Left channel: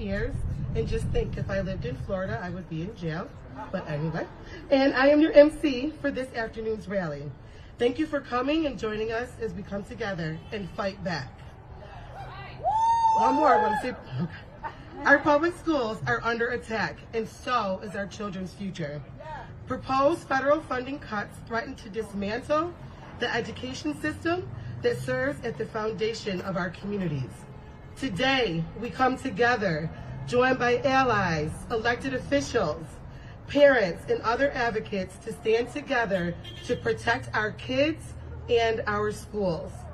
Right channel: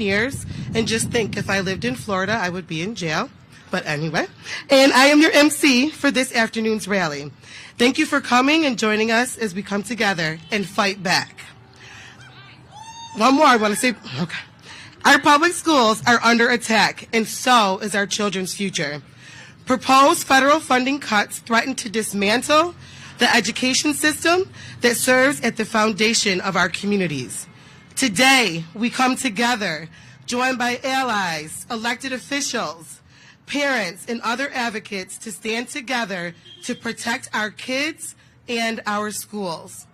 years, and just think, if I lived in Florida, I would be in jail. But anyway, and I am your MC for this afternoon's rally. Thank you for coming and joining us as we come together and fight back. One more I want to say, okay. Our public schools are under attack, and so is our children's future. Proposed federal funding cuts threaten to dismantle the education system that serves at the foundation of our communities. Today, we come together, joined by allies, elected officials, parents, and other advocates to stand together to protect our kids and our schools.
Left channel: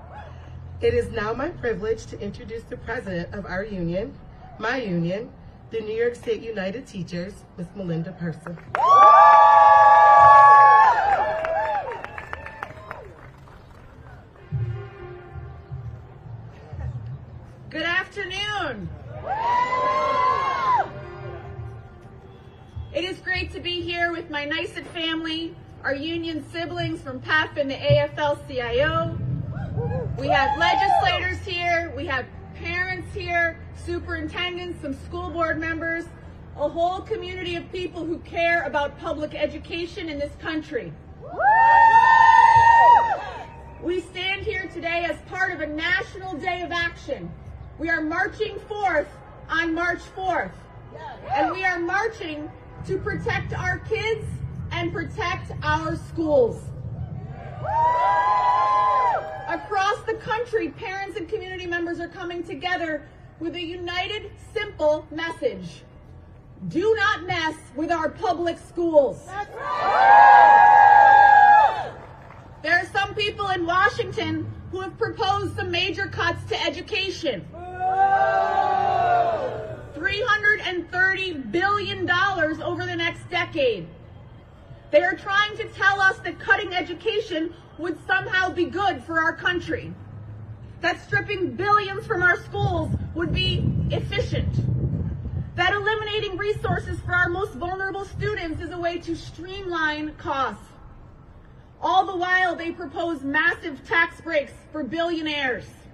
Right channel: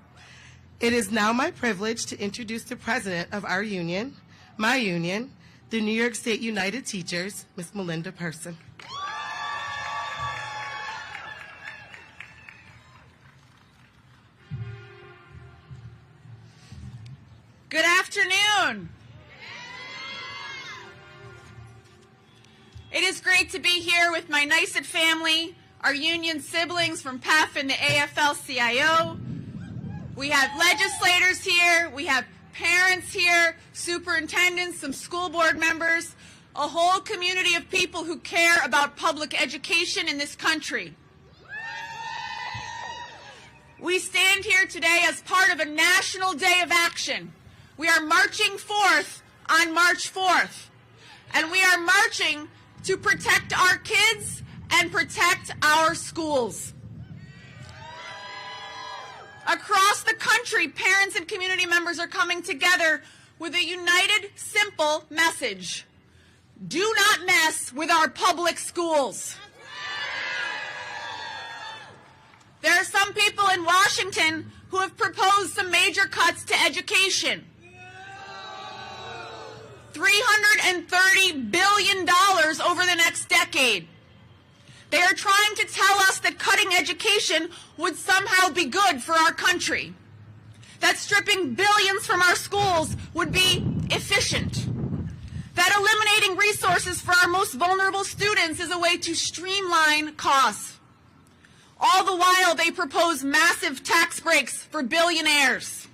It is now my privilege to introduce the president of our union, my union, the New York State United Teachers, Ms. Melinda Person. Good afternoon. It is great to be here with my NYSED family, our union siblings from PEF and the AFL-CIO. We have legislators here, we have parents here, superintendents, some school board members, a whole community of people who care about public education in this country. We stand here today as part of a national day of action. We are marching forth on March 4th, and we are marching to protect our kids and protect our schools. Across the country, parents and community members are coming together with a united, simple message. Do not mess with our public schools. There are some people in Washington who have proposed some major cuts to education. $330 billion over the next decade. They are trying to tell us that cutting education would somehow be good for our country. That stripping billions from our schools would be efficient. That eliminating resources for our most vulnerable students is a way to streamline costs. All the while, they propose massive tax breaks for billionaires.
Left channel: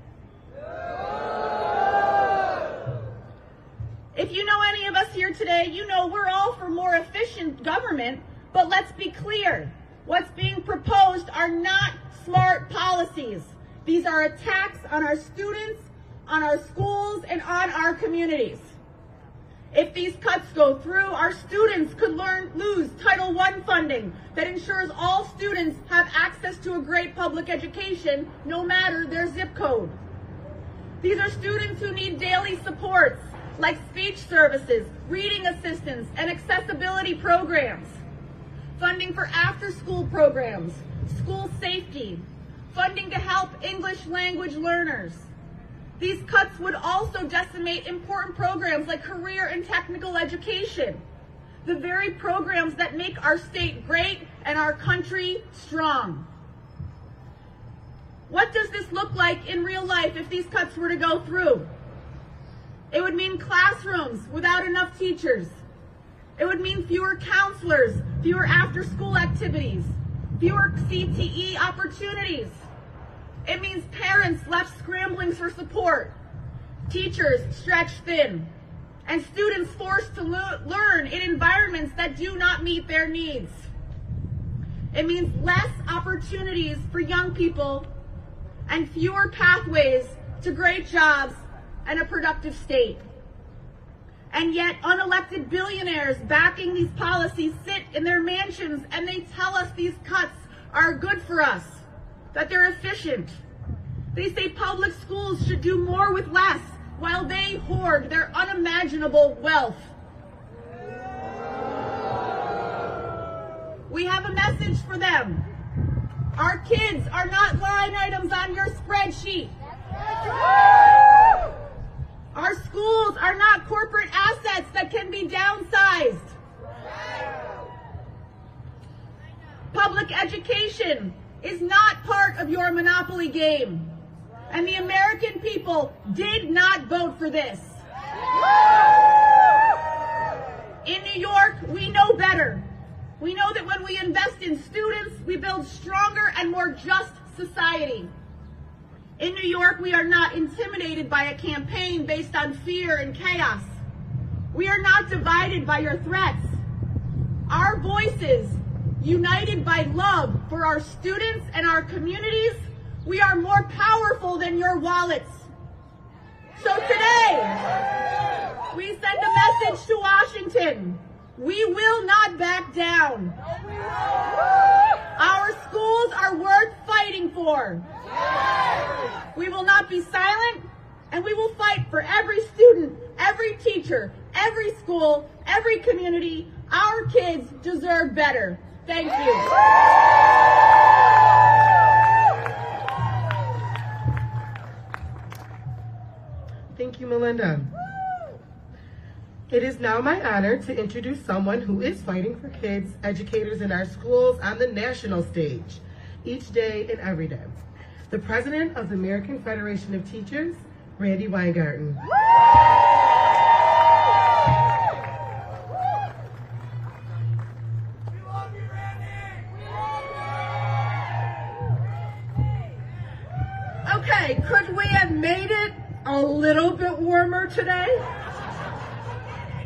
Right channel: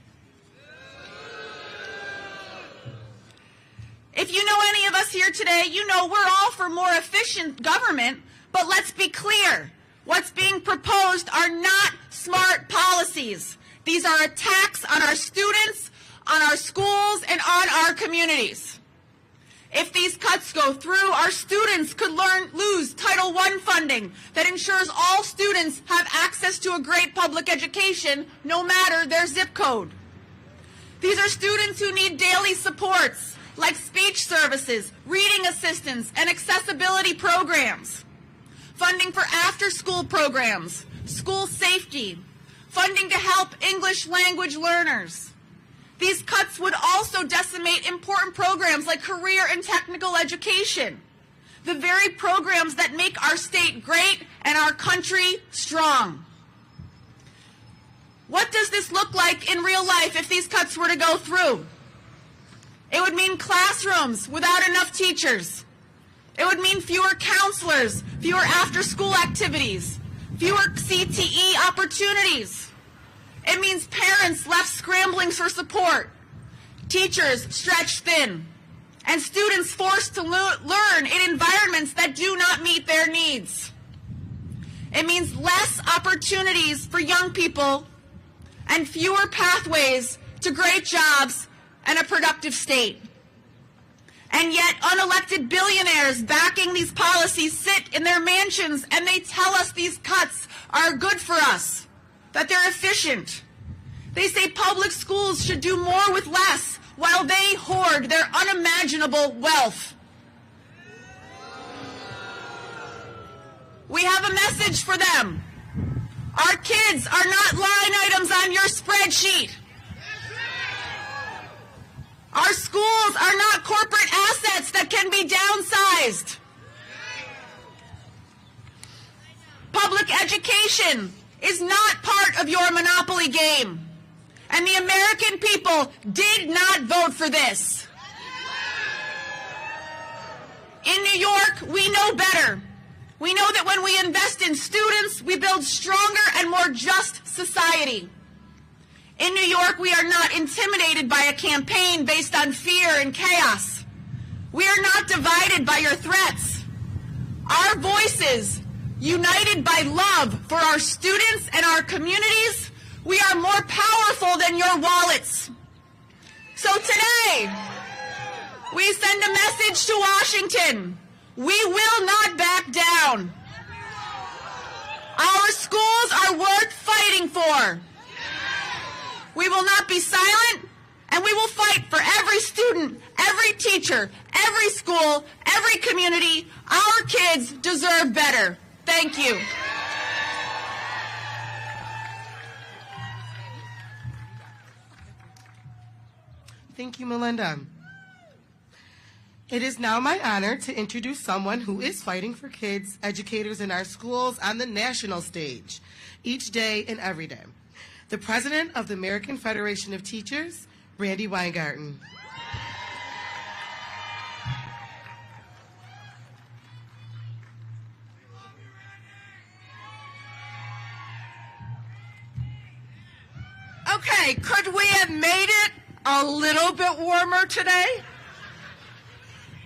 If you know any of us here today, you know we're all for more efficient government, but let's be clear. What's being proposed are not smart policies. These are attacks on our students, on our schools, and on our communities. If these cuts go through, our students could lose Title I funding that ensures all students have access to a great public education, no matter their zip code. These are students who need daily supports, like speech services, reading assistance, and accessibility programs, funding for after-school programs, school safety, funding to help English language learners. These cuts would also decimate important programs like career and technical education, the very programs that make our state great and our country strong. What does this look like in real life if these cuts were to go through? It would mean classrooms without enough teachers. It would mean fewer counselors, fewer after-school activities, fewer CTE opportunities. It means parents left scrambling for support, teachers stretched thin, and students forced to learn in environments that do not meet their needs. It means less opportunities for young people and fewer pathways to great jobs and a productive state. And yet, unelected billionaires backing these policies sit in their mansions and they tell us these cuts are good for us, that they're efficient. They say public schools should do more with less while they hoard their unimaginable wealth. We have a message for them. Our kids are not line items on your spreadsheet. Our schools are not corporate assets that can be downsized. Public education is not part of your monopoly game. And the American people did not vote for this. In New York, we know better. We know that when we invest in students, we build stronger and more just society. In New York, we are not intimidated by a campaign based on fear and chaos. We are not divided by your threats. Our voices, united by love for our students and our communities, we are more powerful than your wallets. So today, we send a message to Washington. We will not back down. Our schools are worth fighting for. We will not be silent, and we will fight for every student, every teacher, every school, every community. Our kids deserve better. Thank you. Thank you, Melinda. It is now my honor to introduce someone who is fighting for kids, educators in our schools on the national stage, each day and every day. The president of the American Federation of Teachers, Randy Weingarten. Okay, could we have made it a little bit warmer today?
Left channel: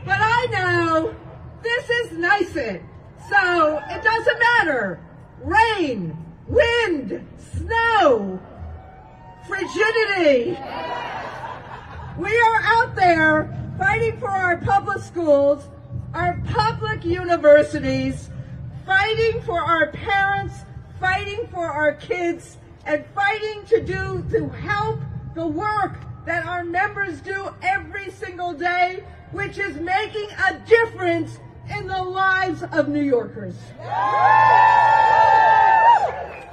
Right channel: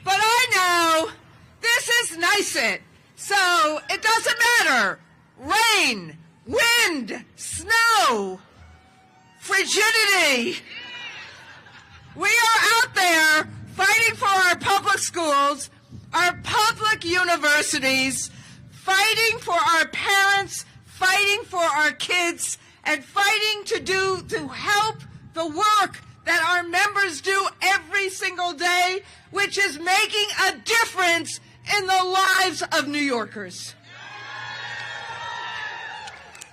But I know this is NYSUT, so it doesn't matter. Rain, wind, snow, frigidity. We are out there fighting for our public schools, our public universities, fighting for our parents, fighting for our kids, and fighting to help the work that our members do every single day, which is making a difference in the lives of New Yorkers.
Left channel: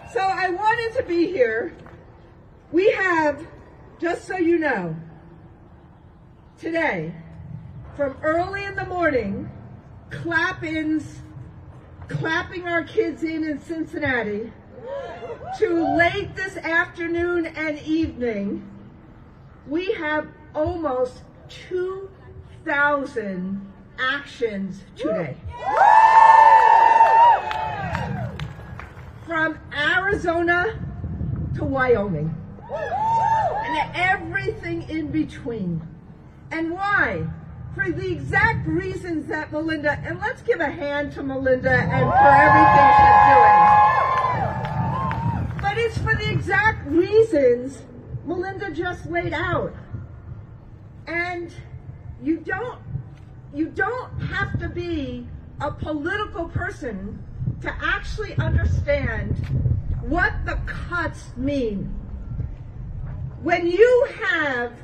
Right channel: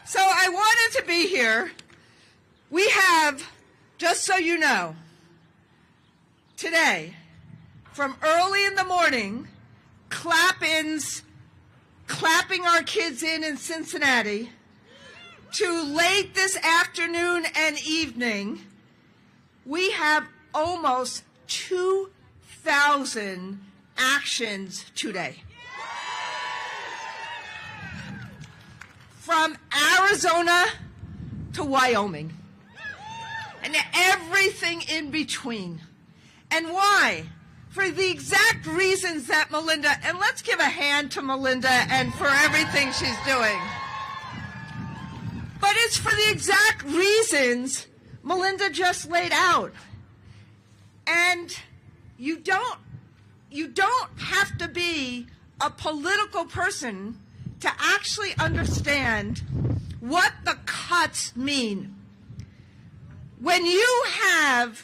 So I wanted to be here. We have, just so you know, today, from early in the morning, clap-ins, clapping our kids in Cincinnati, to late this afternoon and evening, we have almost 2,000 actions today. From Arizona to Wyoming, and everything in between. And why? For the exact reasons that Melinda, and let's give a hand to Melinda and for everything she's doing. But it's for the exact reasons Melinda just laid out. And you don't have to be a political person to actually understand what the cuts mean. When you have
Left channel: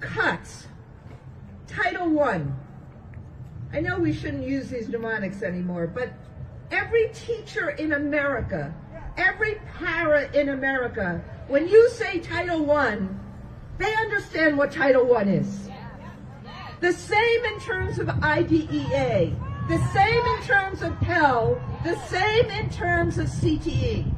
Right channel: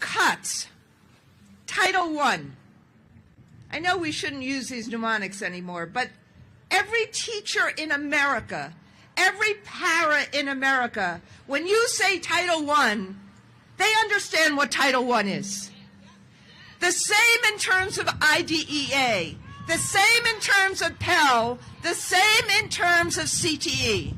cuts, Title I, I know we shouldn't use these mnemonics anymore, but every teacher in America, every para in America, when you say Title I, they understand what Title I is. The same in terms of IDEA, the same in terms of Pell, the same in terms of CTE.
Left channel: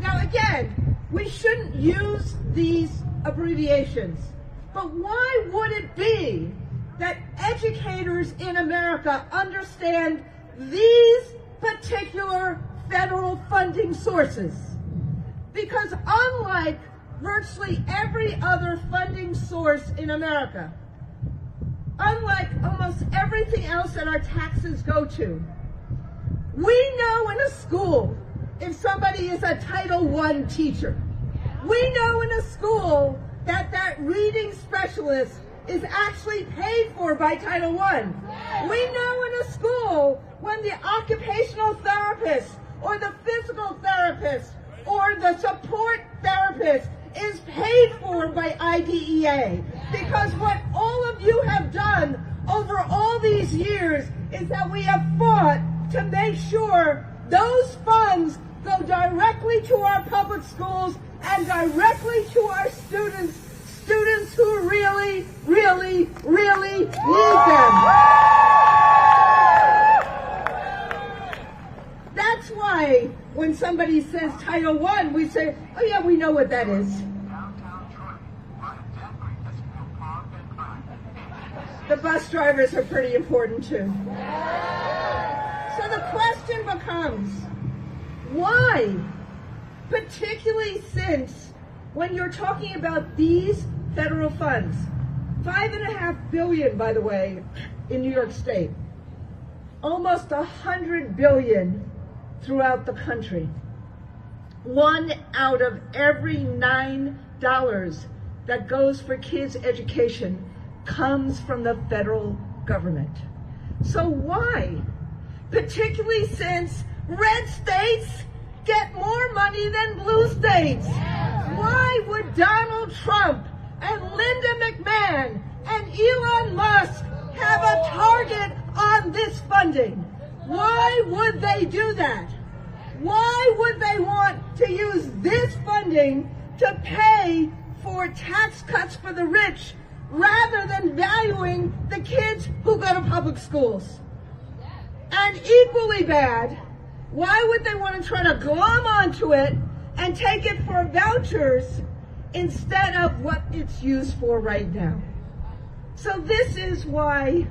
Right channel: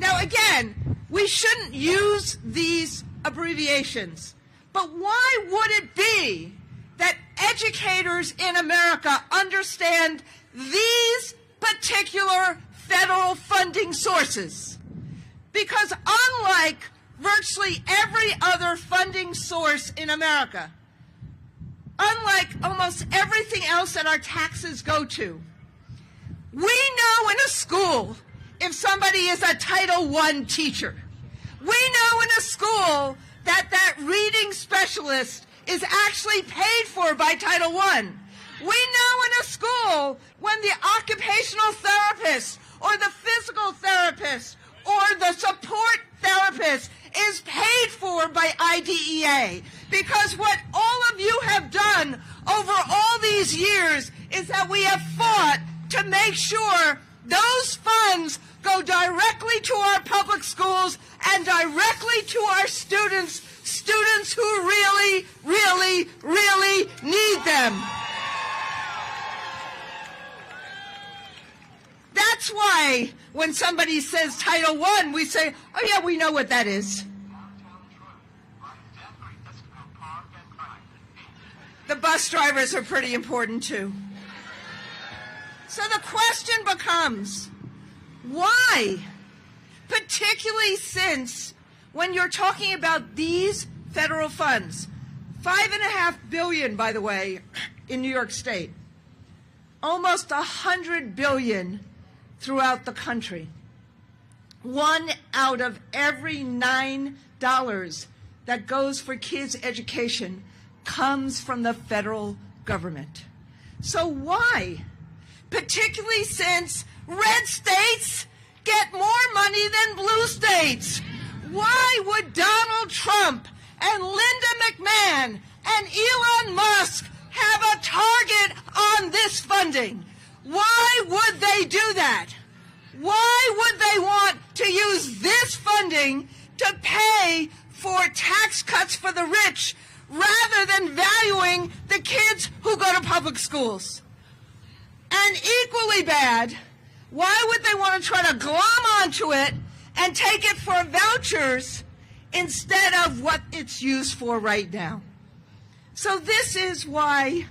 Now again, we shouldn't use these abbreviations, but why would it be that educators in America understand these particular federal funding sources? Because unlike virtually every other funding source in America, unlike almost everything else that our taxes go to, we know in a school if somebody is a Title I teacher. We know in a school that that reading specialist is actually paid for by Title I. We know in a school when the occupational therapist or the physical therapist or the support therapist is paid for by IDEA. Because what all of you have done over all these years is that we have fought to make sure those funds go directly to our public schools and directly to our students who really, really, really need them. That's why when somebody says Title I, we say, oh yeah, we know what that is. The bus drivers are pretty important too. So the question becomes, why? Particularly since when you're talking about these federal funds, $5.5 billion, by the way, in New York State, almost $100 billion throughout the country. 1 out of every $9 that goes for kids' education comes from the federal government. So why, particularly since red states get more money than blue states, why would Donald Trump and Linda McMahon and Elon Musk have a target on this funding? Why would they do that? Why would they want to use this funding to pay for tax cuts for the rich rather than valuing the kids who go to public schools? And equally bad, why would they want to try to glom onto it and take it for vouchers instead of what it's used for right now? So this is why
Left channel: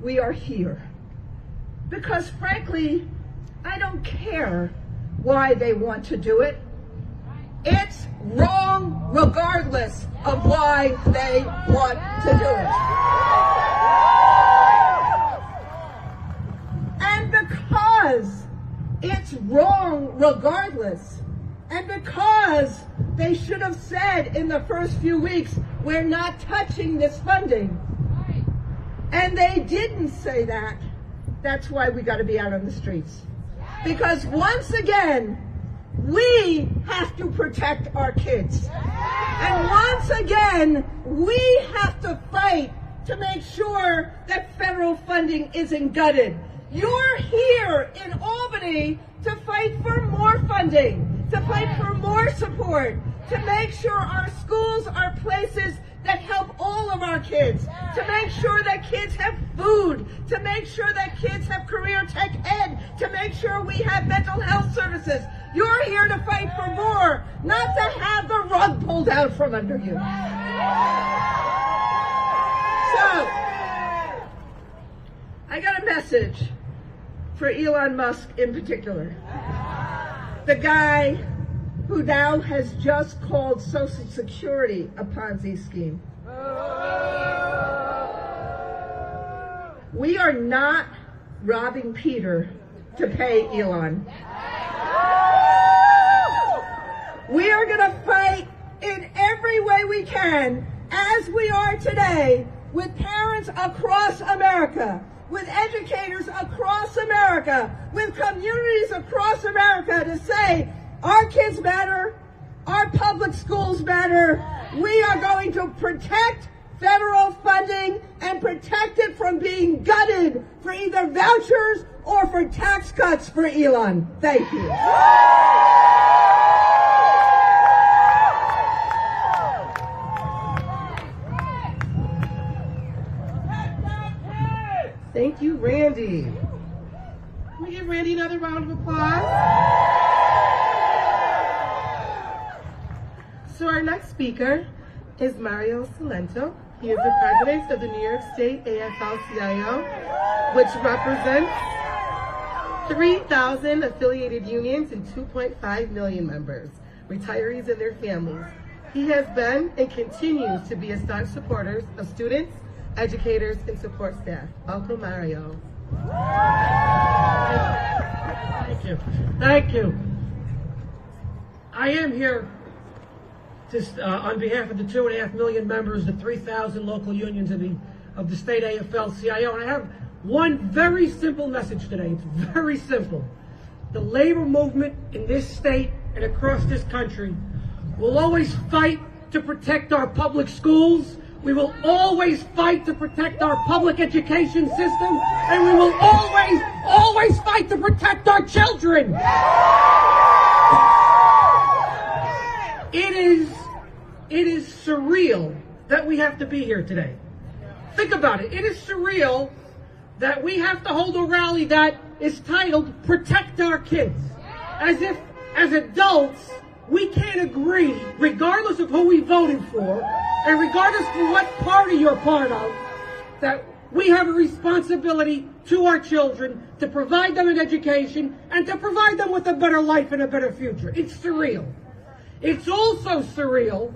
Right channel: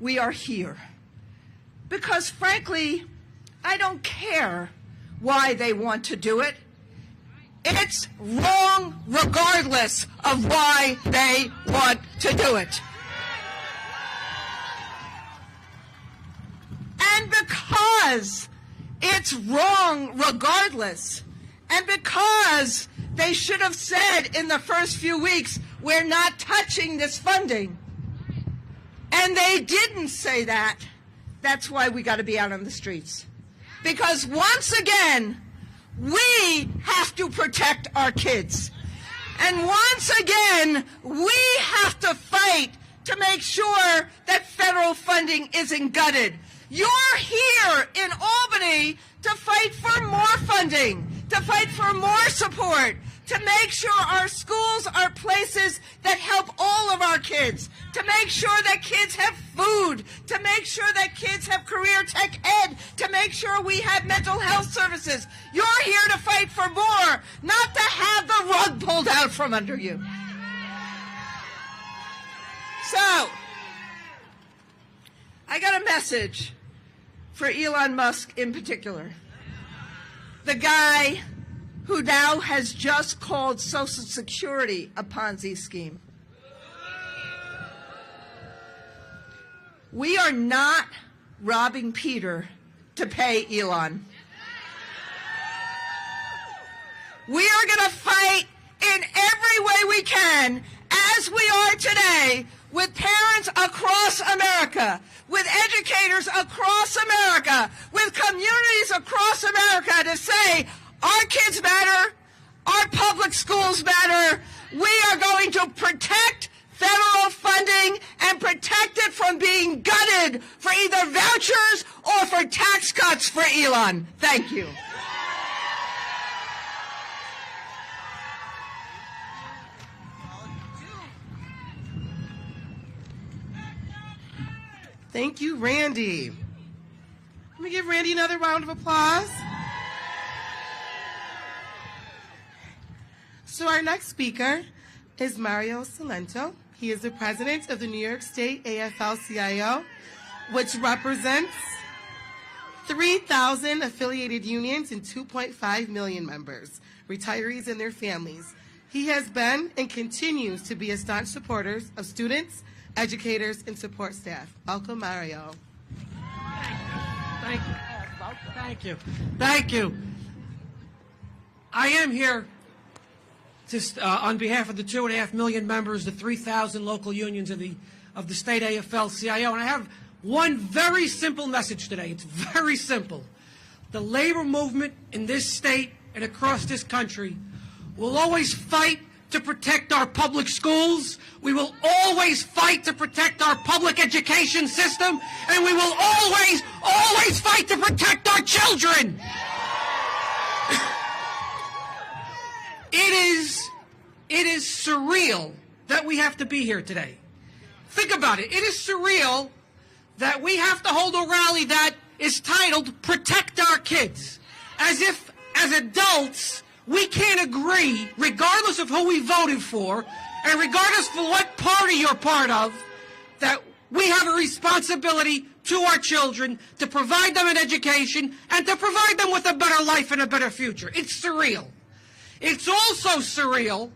we are here. Because frankly, I don't care why they want to do it. It's wrong regardless of why they want to do it. And because it's wrong regardless, and because they should have said in the first few weeks, we're not touching this funding, and they didn't say that, that's why we got to be out on the streets. Because once again, we have to protect our kids. And once again, we have to fight to make sure that federal funding isn't gutted. You're here in Albany to fight for more funding, to fight for more support, to make sure our schools are places that help all of our kids, to make sure that kids have food, to make sure that kids have career tech ed, to make sure we have mental health services. You're here to fight for more, not to have the rug pulled out from under you. So, I got a message for Elon Musk in particular. The guy who now has just called Social Security a Ponzi scheme. We are not robbing Peter to pay Elon. We are going to fight in every way we can, as we are today, with parents across America, with educators across America, with communities across America to say, our kids matter, our public schools matter. We are going to protect federal funding and protect it from being gutted for either vouchers or for tax cuts for Elon. Thank you. Thank you, Randy. Can we give Randy another round of applause? So our next speaker is Mario Salento. He is the president of the New York State AFL-CIO, which represents 3,000 affiliated unions and 2.5 million members, retirees and their families. He has been and continues to be a staunch supporter of students, educators, and support staff. Welcome, Mario. Thank you. Thank you. I am here on behalf of the 2.5 million members, the 3,000 local unions of the state AFL-CIO, and I have one very simple message today. It's very simple. The labor movement in this state and across this country will always fight to protect our public schools. We will always fight to protect our public education system, and we will always fight to protect our children. It is surreal that we have to be here today. Think about it. It is surreal that we have to hold a rally that is titled Protect Our Kids. As if, as adults, we can't agree, regardless of who we voted for, and regardless of what party you're part of, that we have a responsibility to our children to provide them an education and to provide them with a better life and a better future. It's surreal. It's also surreal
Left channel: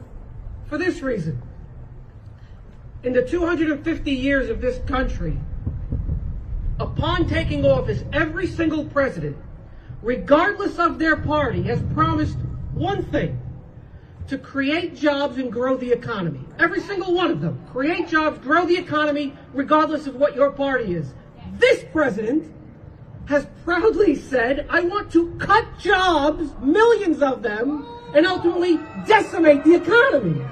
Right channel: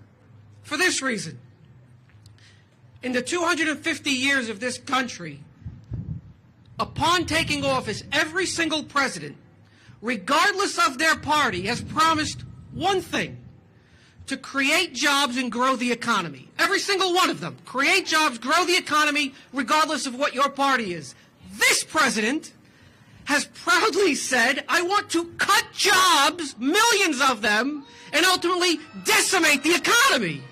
for this reason. In the 250 years of this country, upon taking office, every single president, regardless of their party, has promised one thing: to create jobs and grow the economy. Every single one of them. Create jobs, grow the economy, regardless of what your party is. This president has proudly said, I want to cut jobs, millions of them, and ultimately decimate the economy.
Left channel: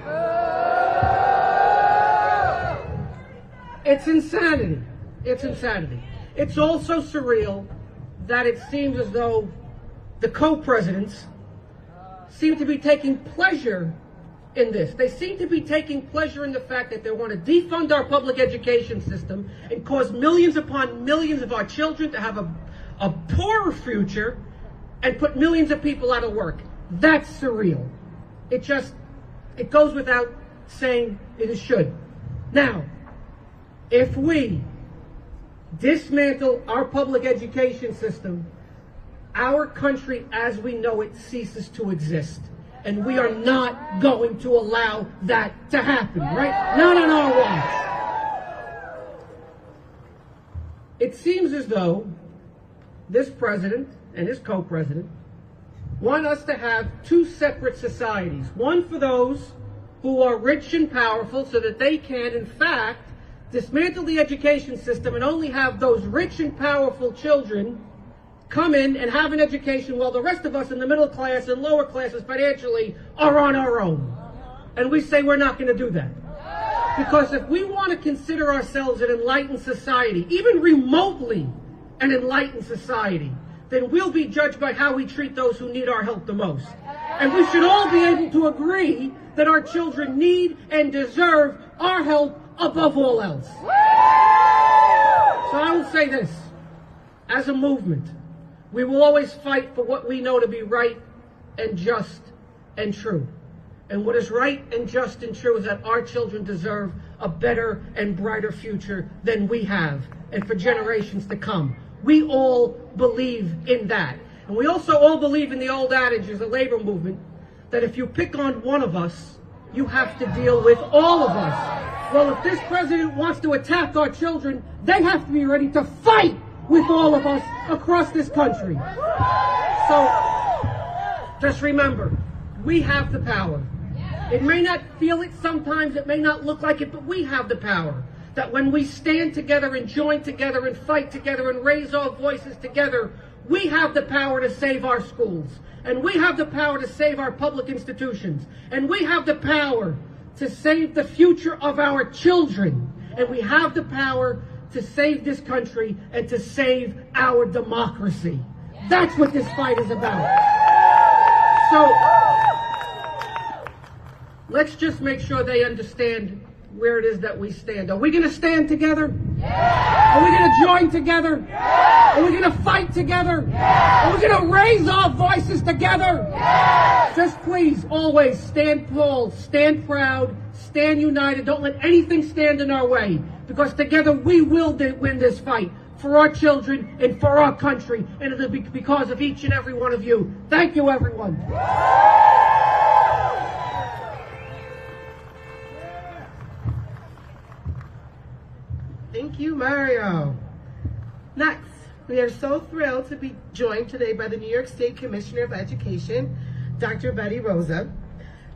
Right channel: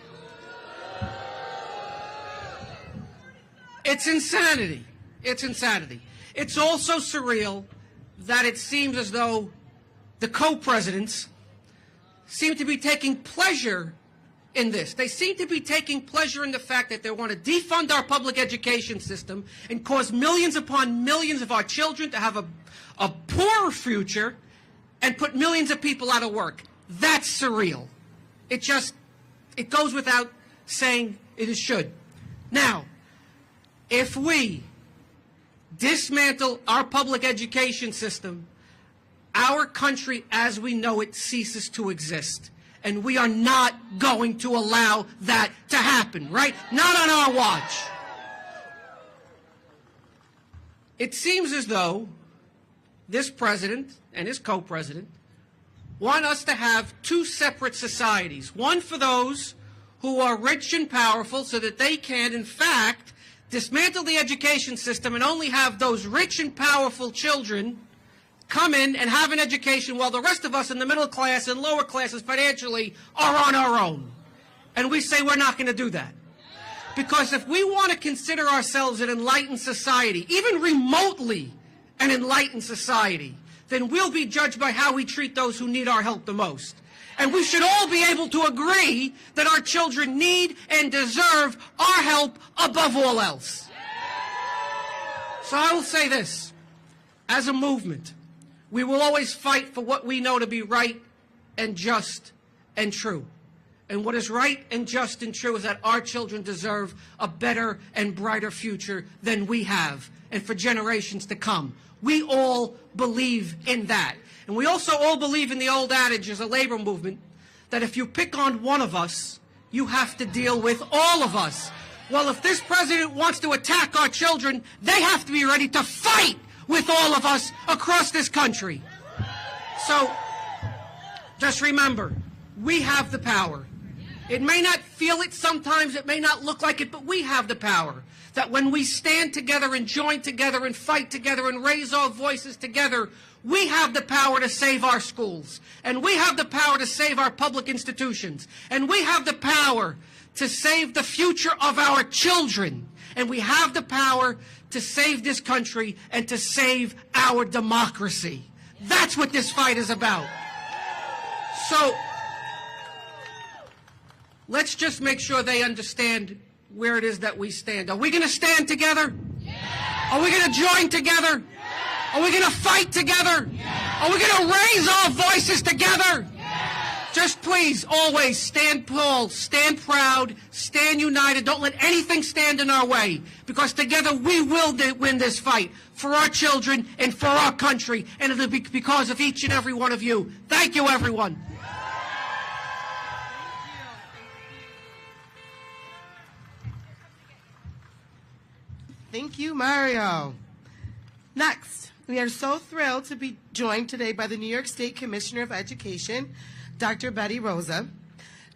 It's insanity. It's insanity. It's also surreal that it seems as though the co-presidents seem to be taking pleasure in this. They seem to be taking pleasure in the fact that they want to defund our public education system and cause millions upon millions of our children to have a poorer future and put millions of people out of work. That's surreal. It goes without saying it should. Now, if we dismantle our public education system, our country as we know it ceases to exist. And we are not going to allow that to happen, right? Not on our watch. It seems as though this president and his co-president want us to have two separate societies. One for those who are rich and powerful so that they can, in fact, dismantle the education system and only have those rich and powerful children come in and have an education while the rest of us in the middle class and lower classes financially are on our own. And we say we're not going to do that. Because if we want to consider ourselves an enlightened society, even remotely an enlightened society, then we'll be judged by how we treat those who need our help the most. And we should all be able to agree that our children need and deserve our help above all else. So I will say this, as a movement, we will always fight for what we know to be right and just and true. And what is right and just and true is that our children deserve a better and brighter future than we have, and for generations to come. We all believe in that. And we also all believe in the old adage as a labor movement that if you pick on one of us, you have to deal with all of us. Well, if this president wants to attack our children, they have to be ready to fight with all of us across this country. So, just remember, we have the power. It may not feel it sometimes, it may not look like it, but we have the power. That when we stand together and join together and fight together and raise our voices together, we have the power to save our schools. And we have the power to save our public institutions. And we have the power to save the future of our children. And we have the power to save this country and to save our democracy. That's what this fight is about. So, let's just make sure they understand where it is that we stand. Are we going to stand together? Are we going to join together? Are we going to fight together? Are we going to raise our voices together? Just please, always stand tall, stand proud, stand united. Don't let anything stand in our way, because together we will win this fight for our children and for our country, and it'll be because of each and every one of you. Thank you, everyone. Thank you, Mario. Next, we are so thrilled to be joined today by the New York State Commissioner of Education, Dr. Betty Rosa.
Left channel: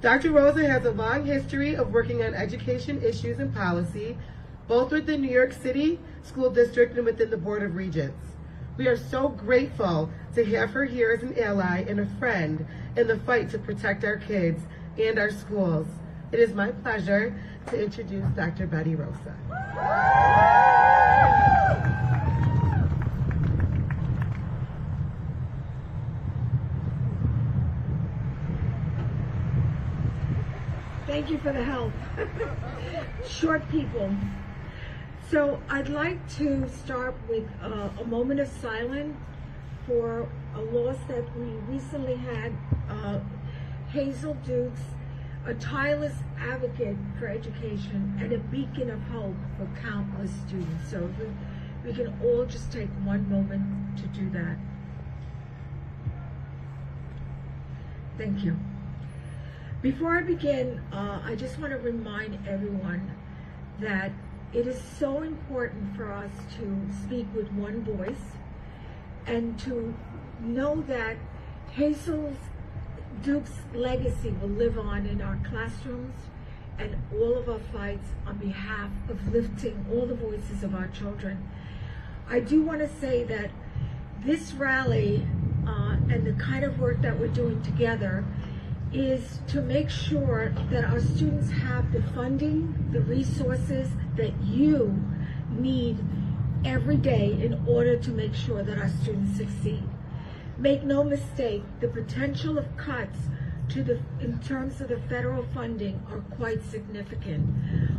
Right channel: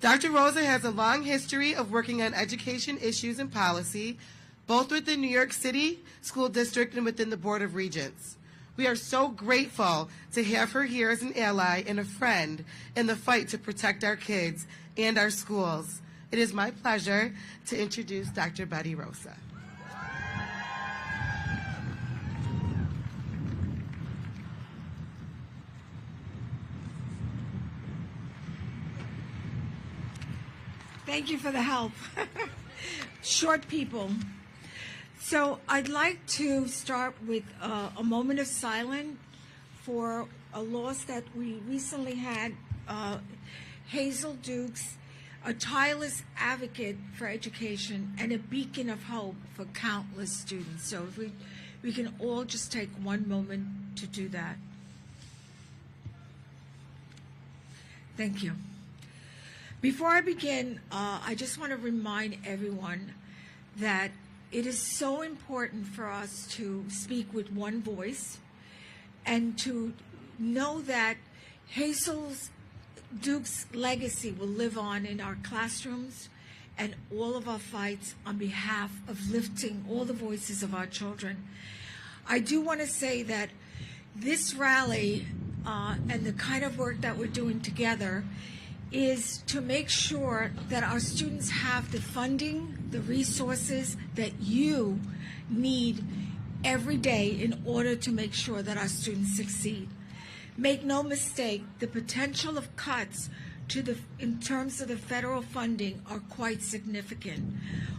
Dr. Rosa has a long history of working on education issues and policy, both within New York City School District and within the Board of Regents. We are so grateful to have her here as an ally and a friend in the fight to protect our kids and our schools. It is my pleasure to introduce Dr. Betty Rosa. Thank you for the help. Short people. So I'd like to start with a moment of silence for a loss that we recently had. Hazel Dukes, a tireless advocate for education and a beacon of hope for countless students. So if we can all just take one moment to do that. Thank you. Before I begin, I just want to remind everyone that It is so important for us to speak with one voice and to know that Hazel Duke's legacy will live on in our classrooms and all of our fights on behalf of lifting all the voices of our children. I do want to say that this rally and the kind of work that we're doing together is to make sure that our students have the funding, the resources that you need every day in order to make sure that our students succeed. Make no mistake, the potential of cuts in terms of the federal funding are quite significant.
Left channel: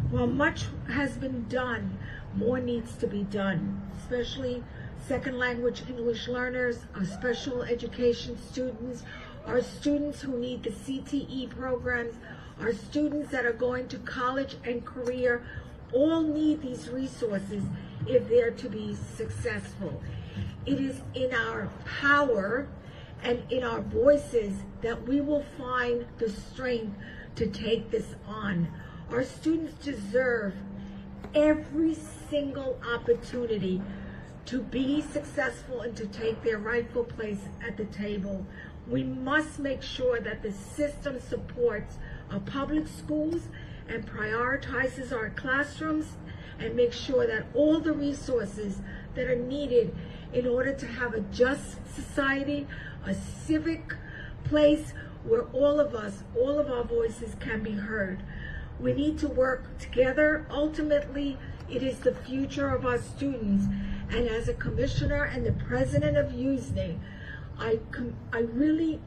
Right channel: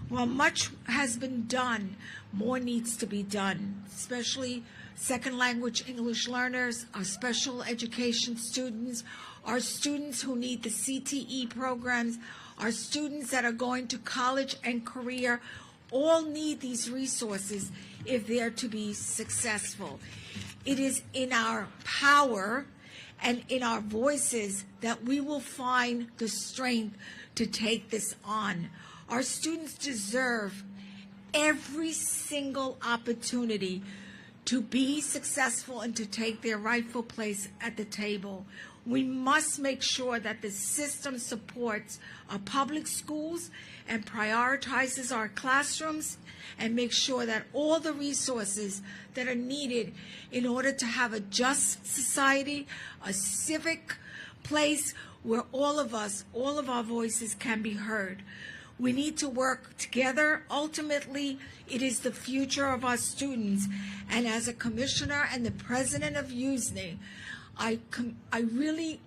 While much has been done, more needs to be done, especially second language English learners, our special education students, our students who need the CTE programs, our students that are going to college and career, all need these resources if they're to be successful. It is in our power and in our voices that we will find the strength to take this on. Our students deserve every single opportunity to be successful and to take their rightful place at the table. We must make sure that the system supports our public schools and prioritizes our classrooms and make sure that all the resources that are needed in order to have a just society, a civic place where all of us, all of our voices can be heard. We need to work together. Ultimately, it is the future of our students. And as a commissioner and the president of USNE, I really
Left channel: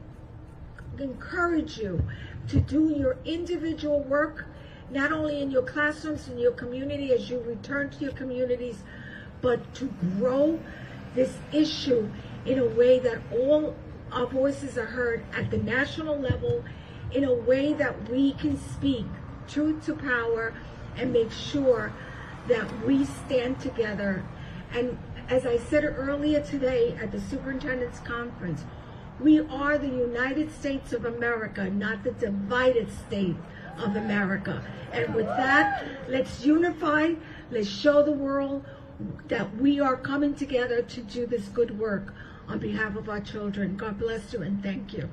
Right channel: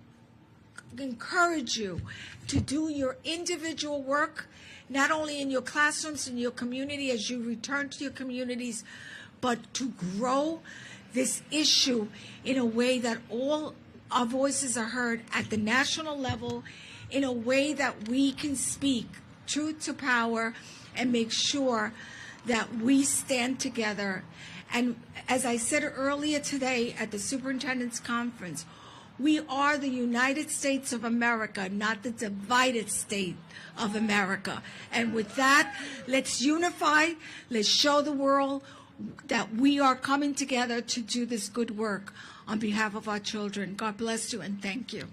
encourage you to do your individual work, not only in your classrooms, in your community as you return to your communities, but to grow this issue in a way that all our voices are heard at the national level, in a way that we can speak truth to power and make sure that we stand together. And as I said earlier today at the superintendent's conference, we are the United States of America, not the divided state of America. And with that, let's unify, let's show the world that we are coming together to do this good work on behalf of our children. God bless you and thank you.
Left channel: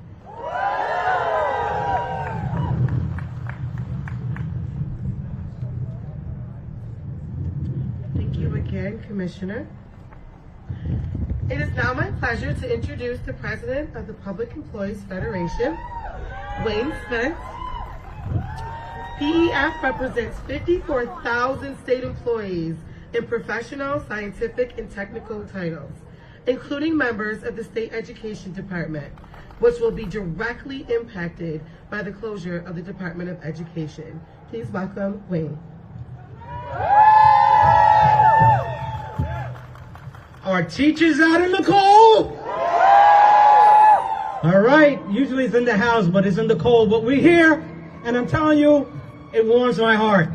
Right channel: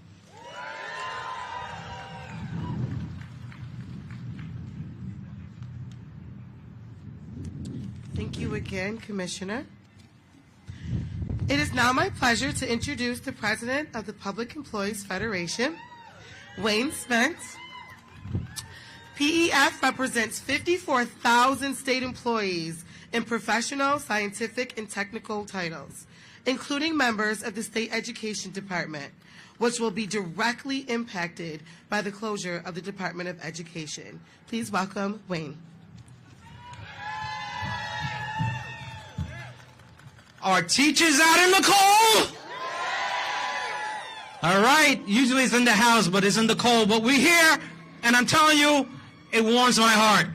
Thank you again, Commissioner. It is now my pleasure to introduce the President of the Public Employees Federation, Wayne Spence. PEF represents 54,000 state employees in professional, scientific, and technical titles, including members of the State Education Department, which will be directly impacted by the closure of the Department of Education. Please welcome Wayne. Our teachers out in the cold? All right, usually it's in the house, but it's in the cold. But we're here, and I'm telling you, it warms my heart.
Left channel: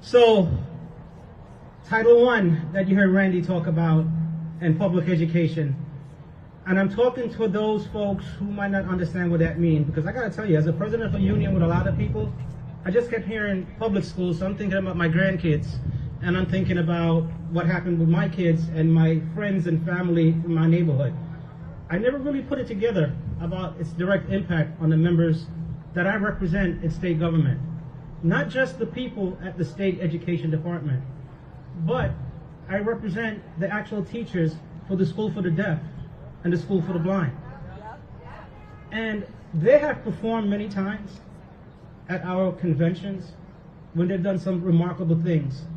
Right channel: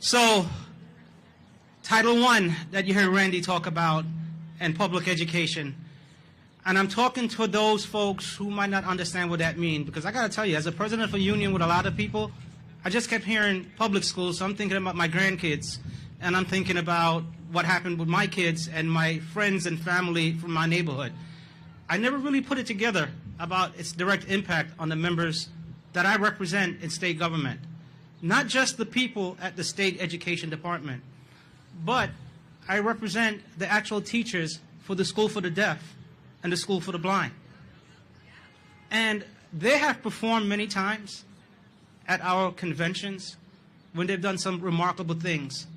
So, Title I that you heard Randy talk about, and public education. And I'm talking to those folks who might not understand what that means, because I gotta tell you, as a president of a union with a lot of people, I just kept hearing public schools, so I'm thinking about my grandkids, and I'm thinking about what happened with my kids and my friends and family from my neighborhood. I never really put it together about its direct impact on the members that I represent in state government. Not just the people at the state education department, but I represent the actual teachers for the school for the deaf and the school for the blind. And they have performed many times at our conventions when they've done some remarkable things.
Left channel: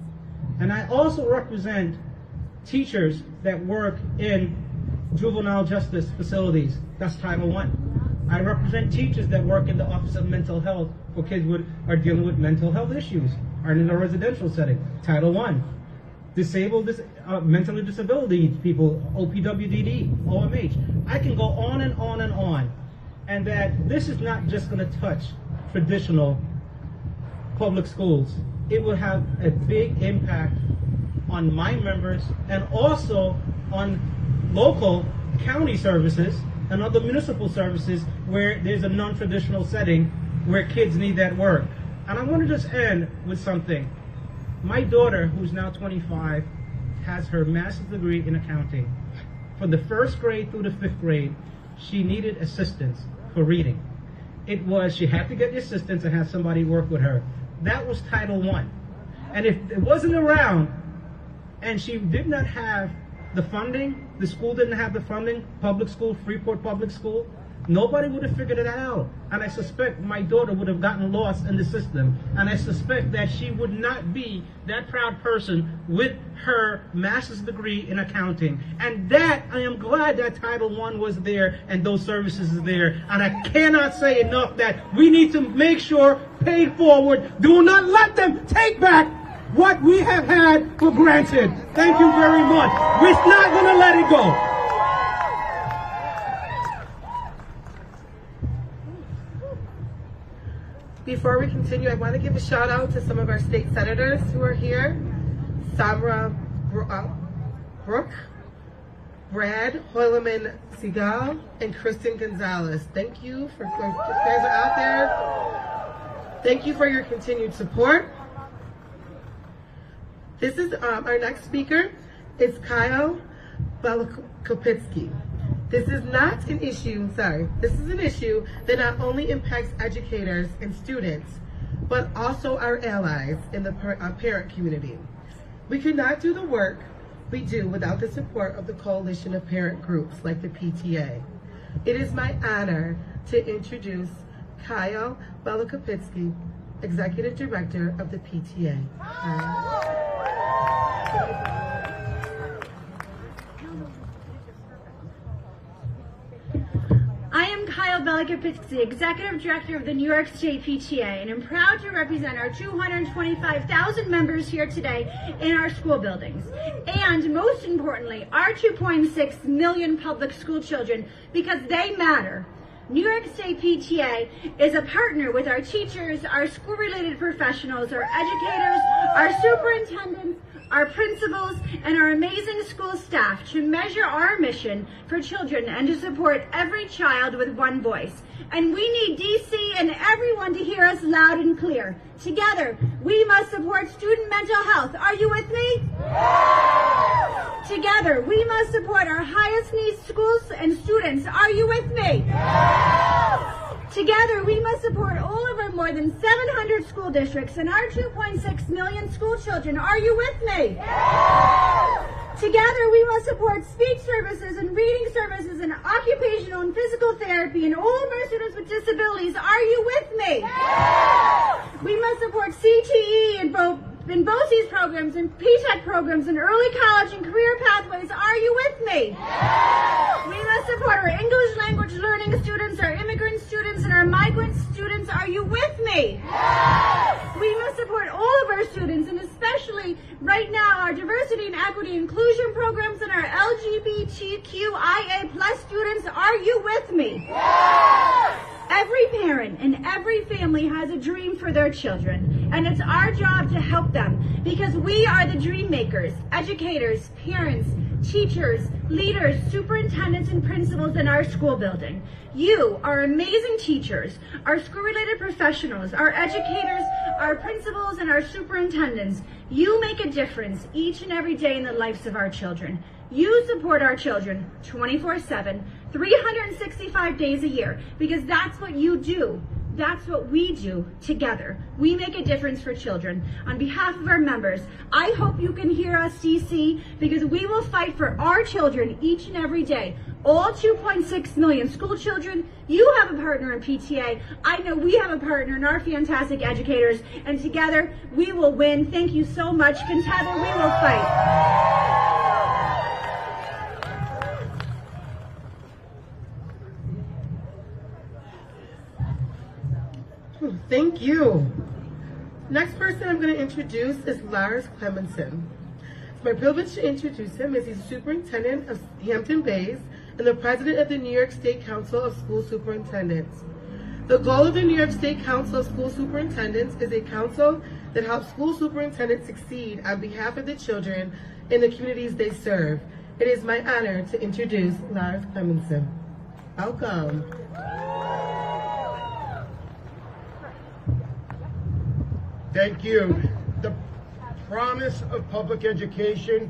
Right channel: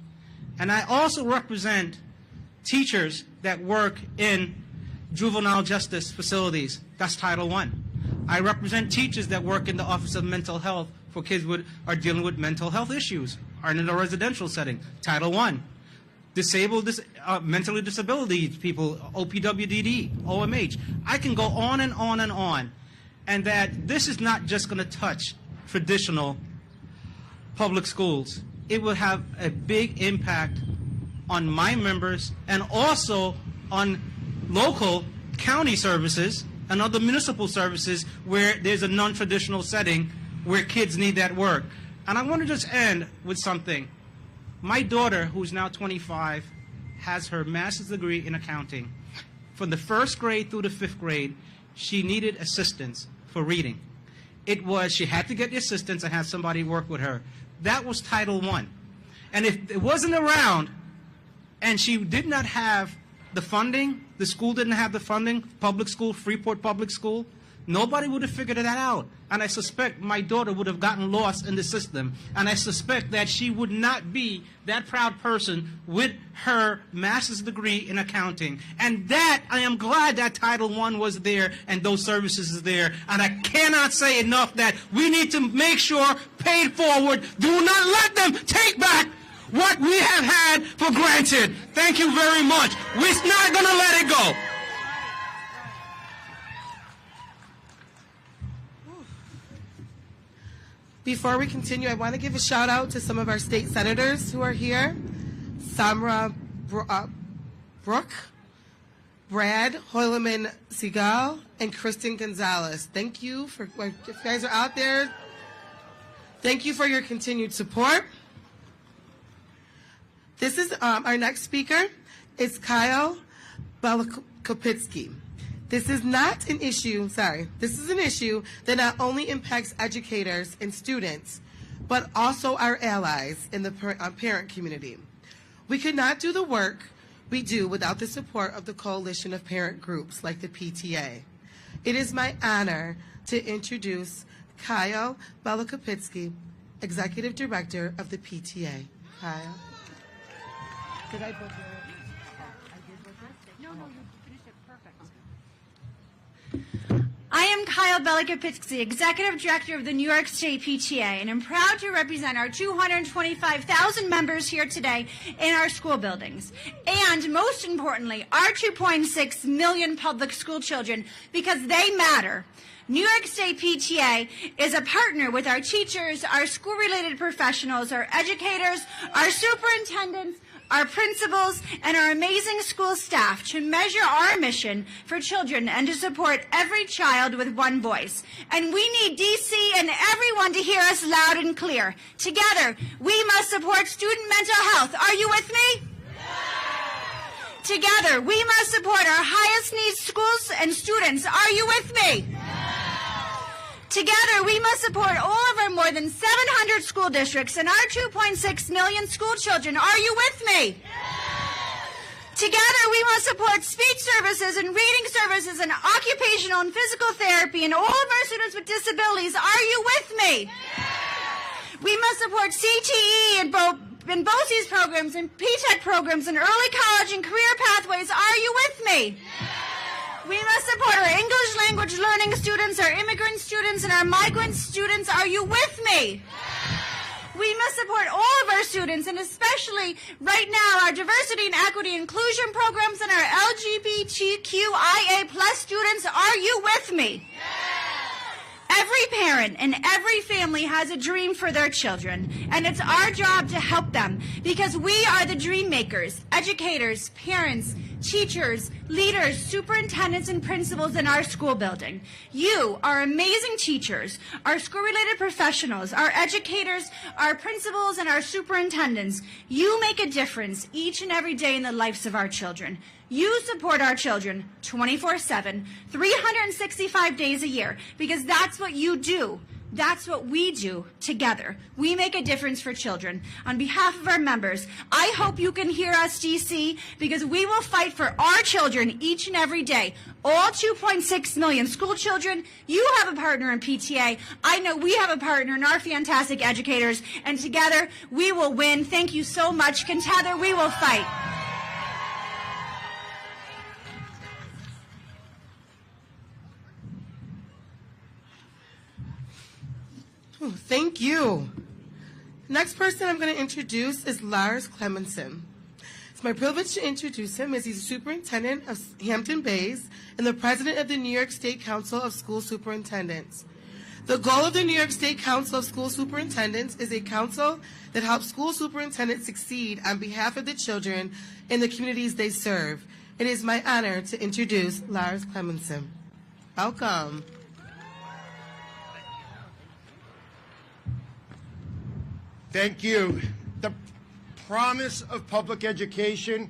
And I also represent teachers that work in juvenile justice facilities. That's Title I. I represent teachers that work in the Office of Mental Health for kids who are dealing with mental health issues, are in a residential setting. Title I. Disabled, mentally disability people, OPWDD, OMH. I can go on and on and on. And that this is not just going to touch traditional public schools. It will have a big impact on my members and also on local county services and other municipal services where there's a non-traditional setting where kids need that work. And I want to just end with something. My daughter, who's now 25, has her master's degree in accounting. From the 1st grade through the 5th grade, she needed assistance for reading. She had to get the assistance and have somebody work with her. That was Title I. And if it wasn't around, and she did not have the funding, the school didn't have the funding, public school, Freeport Public School, nobody would have figured that out. And I suspect my daughter would have gotten lost in the system. And I suspect that she would not be that proud person with her master's degree in accounting. And that, I am glad that Title I was there and those services is there. And I cannot say enough that we need to make sure, pay forward, do not let them take back what we have had for granted. Thank you very much. We're not going to let it go. Before we continue, I want to give a shout out to some of our state senators who are here. Samra Brooke, Brad Hoyleman Segal, and Kristen Gonzalez. Thank you for, if you guys are out there, thank you for your continued support. This is our next speaker is Kyle Belakopitsky. This is not an issue, this is an issue that not only impacts educators and students, but also our allies in the parent community. We could not do the work we do without the support of the coalition of parent groups like the PTA. It is my honor to introduce Kyle Belakopitsky, Executive Director of the PTA. Kyle. I am Kyle Belakopitsky, Executive Director of the New York State PTA, and I'm proud to represent our 225,000 members here today in our school buildings. And most importantly, our 2.6 million public school children, because they matter. New York State PTA is a partner with our teachers, our school-related professionals, our educators, our superintendents, our principals, and our amazing school staff to measure our mission for children and to support every child with one voice. And we need DC and everyone to hear us loud and clear. Together, we must support student mental health. Are you with me? Together, we must support our highest needs schools and students. Are you with me? Together, we must support all of our more than 700 school districts and our 2.6 million school children. Are you with me? Together, we must support speech services and reading services and occupational and physical therapy and all of our students with disabilities. Are you with me? We must support CTE and BOCES programs and P-TECH programs and early college and career pathways. Are you with me? We must support our English language learning students, our immigrant students, and our migrant students. Are you with me? We must support all of our students, and especially right now, our diversity and equity inclusion programs and our LGBTQIA+ students. Are you with me? Every parent and every family has a dream for their children, and it's our job to help them because we are the dream makers, educators, parents, teachers, leaders, superintendents, and principals in our school building. You are amazing teachers, our school-related professionals, our educators, our principals, and our superintendents. You make a difference each and every day in the lives of our children. You support our children 24/7, 365 days a year, because that's what you do. That's what we do together. We make a difference for children. On behalf of our members, I hope you can hear us, DC, because we will fight for our children each and every day. All 2.6 million school children. You have a partner in PTA. I know we have a partner in our fantastic educators, and together we will win. Thank you so much. Together we will fight. Ooh, thank you. Next person I'm going to introduce is Lars Clemenson. It's my privilege to introduce him as he's superintendent of Hampton Bays and the president of the New York State Council of School Superintendents. The goal of the New York State Council of School Superintendents is a council that helps school superintendents succeed on behalf of the children in the communities they serve. It is my honor to introduce Lars Clemenson. Welcome. Thank you. promise of public education